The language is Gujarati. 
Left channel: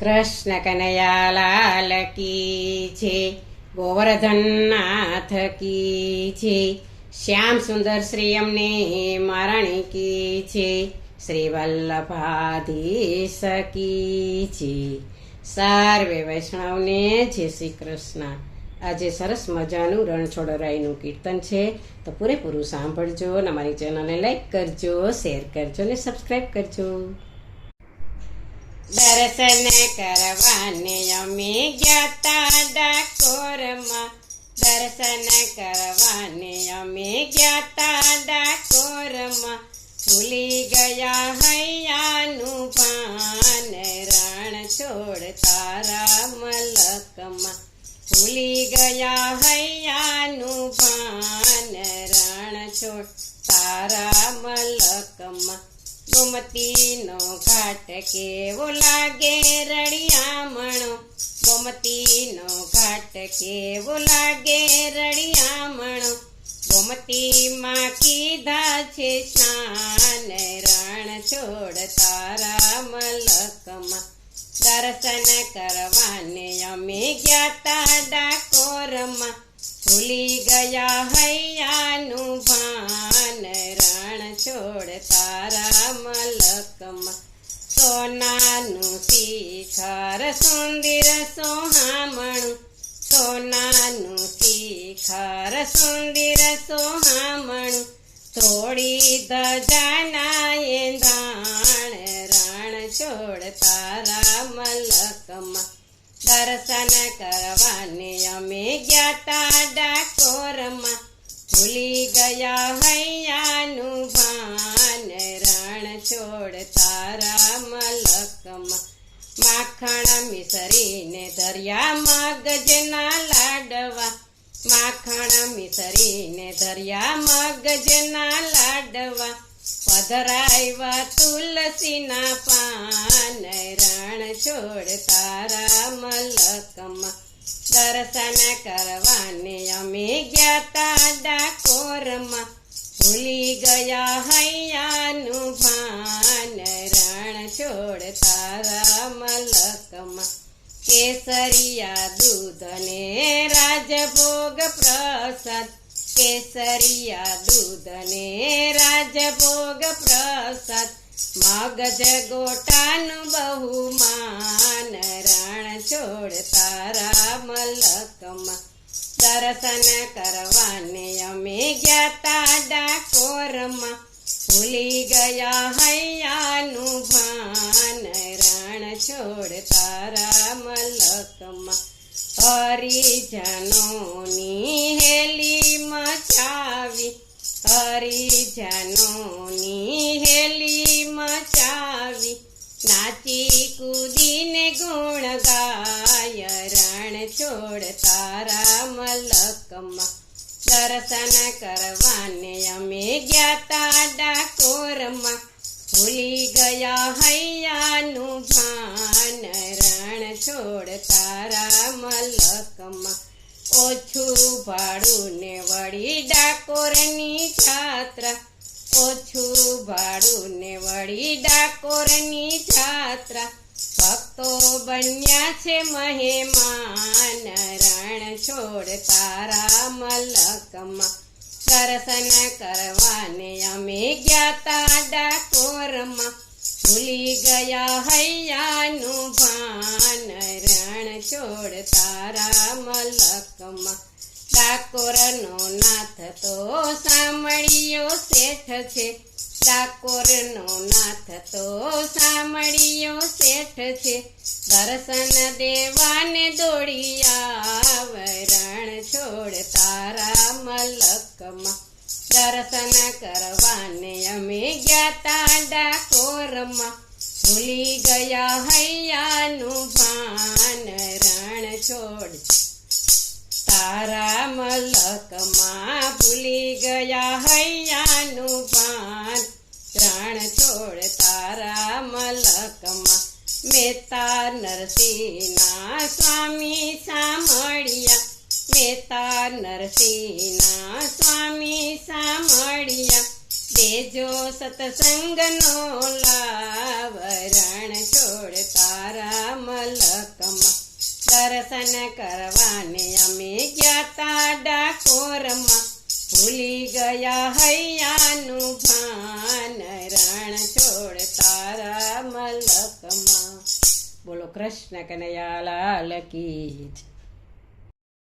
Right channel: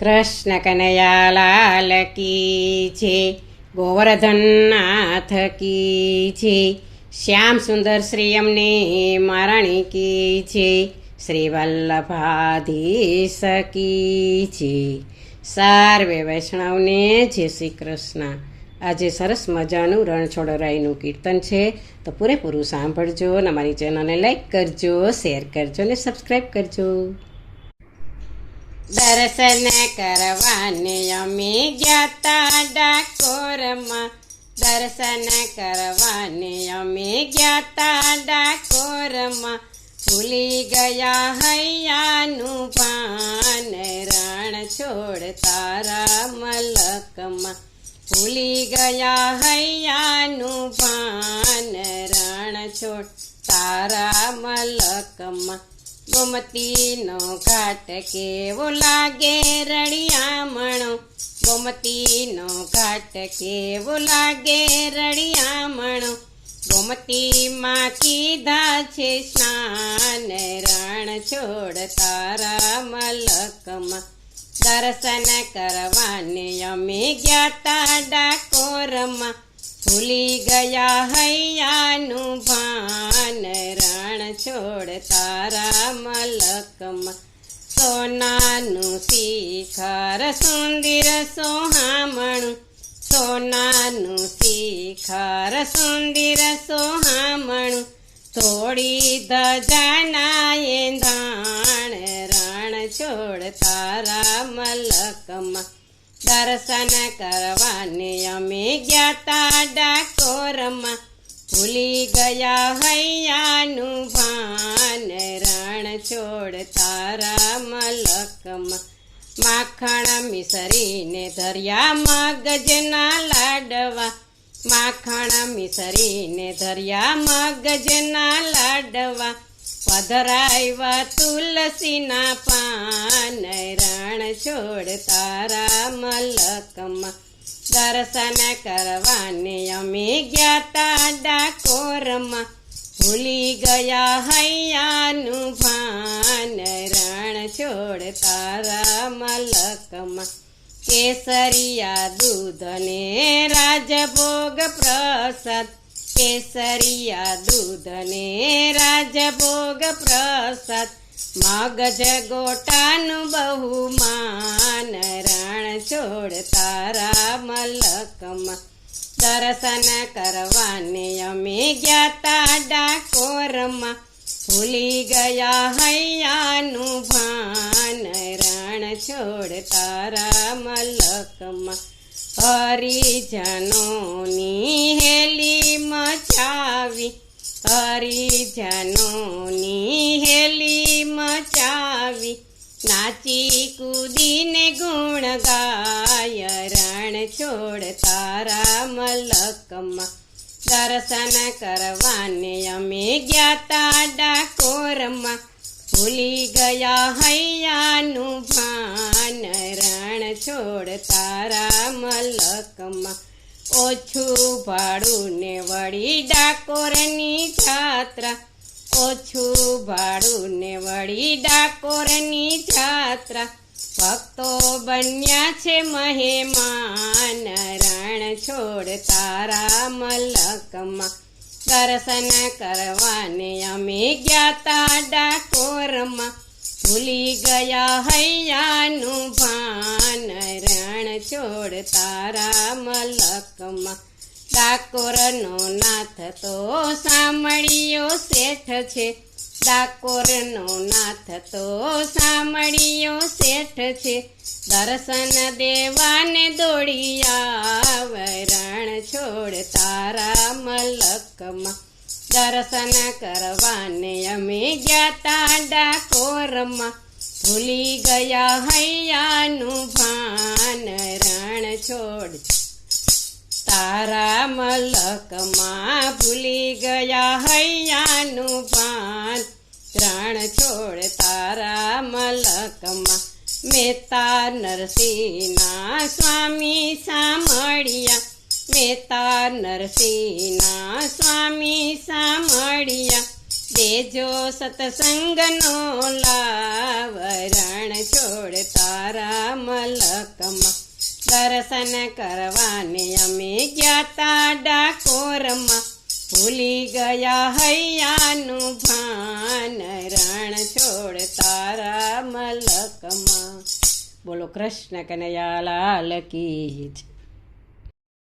કૃષ્ણ કનૈયા લાલ કી છે, ગોવર્ધન નાથ કી છે, શ્યામ સુંદર શ્રી અમને મહારાણી કી છે, શ્રી વલ્લભાધીશ કી છે. સર્વે વૈષ્ણવને જય શ્રી કૃષ્ણ. આજે સરસ મજાનું રણછોડરાયનું કીર્તન છે, તો પૂરેપૂરું સાંભળજો અને અમારી ચેનલને લાઈક કરજો, શેર કરજો અને સબસ્ક્રાઈબ કરજો. દર્શન કરવાને અમે ગ્યાતા ડાકોરમાં, દર્શન કરવાને અમે ગ્યાતા ડાકોરમાં, ભૂલી ગયા હૈયાનું ભાન રણ છોડ તારા મલકમાં, ભૂલી ગયા હૈયાનું ભાન રણ છોડ તારા મલકમાં. ગોમતીનો ઘાટ કેવો લાગે રળિયામણો, ગોમતીનો ઘાટ કેવો લાગે રળિયામણો, ગોમતીમાં કીધા છે સ્નાન રણ છોડ તારા મલકમાં. દર્શન કરવાને અમે ગ્યાતા ડાકોરમાં, ભૂલી ગયા હૈયાનું ભાન રણ છોડ તારા મલકમાં. સોનાનું શિખર સુંદર સોહામણું, સોનાનું શિખર સુંદર સોહામણું, થોડી ધજાના એંધાણ રણ છોડ તારા મલકમાં. દર્શન કરવાને અમે ગ્યાતા ડાકોરમાં, ભૂલી ગયા હૈયાનું ભાન રણ છોડ તારા મલકમાં. માખણ મિસરીને ધર્યા મગજના લાડવા, માખણ મિસરીને ધર્યા મગજના લાડવા, પધરાવ્યા તુલસીના પાન રણ છોડ તારા મલકમાં. દર્શન કરવાને અમે ગ્યાતા ડાકોરમાં, ભૂલી ગયા હૈયાનું ભાન રણ છોડ તારા મલકમાં. કેસરિયા દૂધ ને રાજભોગ પ્રસાદ, કેસરિયા દૂધ ને રાજભોગ પ્રસાદ, મગજ ગોટાનું બહુમાન રણ છોડ તારા મલકમાં. દર્શન કરવાને અમે ગ્યાતા ડાકોરમાં, ભૂલી ગયા હૈયાનું ભાન રણ છોડ તારા મલકમાં. હરિજનોની હેલી મચાવી, હરિજનોની હેલી મચાવી, નાચી કૂદીને ગુણ ગાય રણ છોડ તારા મલકમાં. દર્શન કરવાને અમે ગ્યાતા ડાકોરમાં, ભૂલી ગયા હૈયાનું ભાન રણ છોડ તારા મલકમાં. ઓછું ભાડું ને વળી ડાકોરની જાત્રા, ઓછું ભાડું ને વળી ડાકોરની જાત્રા, ભક્તો બન્યા છે મહેમાન રણ છોડ તારા મલકમાં. દર્શન કરવાને અમે ગ્યાતા ડાકોરમાં, ભૂલી ગયા હૈયાનું ભાન રણ છોડ તારા મલકમાં. ડાકોરનો નાથ તો સાંભળ્યો શેઠ છે, ડાકોરનો નાથ તો સાંભળ્યો શેઠ છે, દર્શન દેવાને દોડી આવ રણ છોડ તારા મલકમાં. દર્શન કરવાને અમે ગ્યાતા ડાકોરમાં, ભૂલી ગયા હૈયાનું ભાન રણ છોડ તારા મલકમાં, ભૂલી ગયા હૈયાનું ભાન રણ છોડ તારા મલકમાં. મહેતા નરસિંહના સ્વામી સાંભળ્યા, મહેતા નરસિંહના સ્વામી સાંભળ્યા, લેજો સતસંગનો લાવ રણ છોડ તારા મલકમાં દર્શન કરવાને અમે ગ્યાતા ડાકોરમાં ભૂલી ગયા હૈયાનું ભાન રણ છોડ તારા મલકમાં. બોલો કૃષ્ણ કનૈયા લાલ કી જય.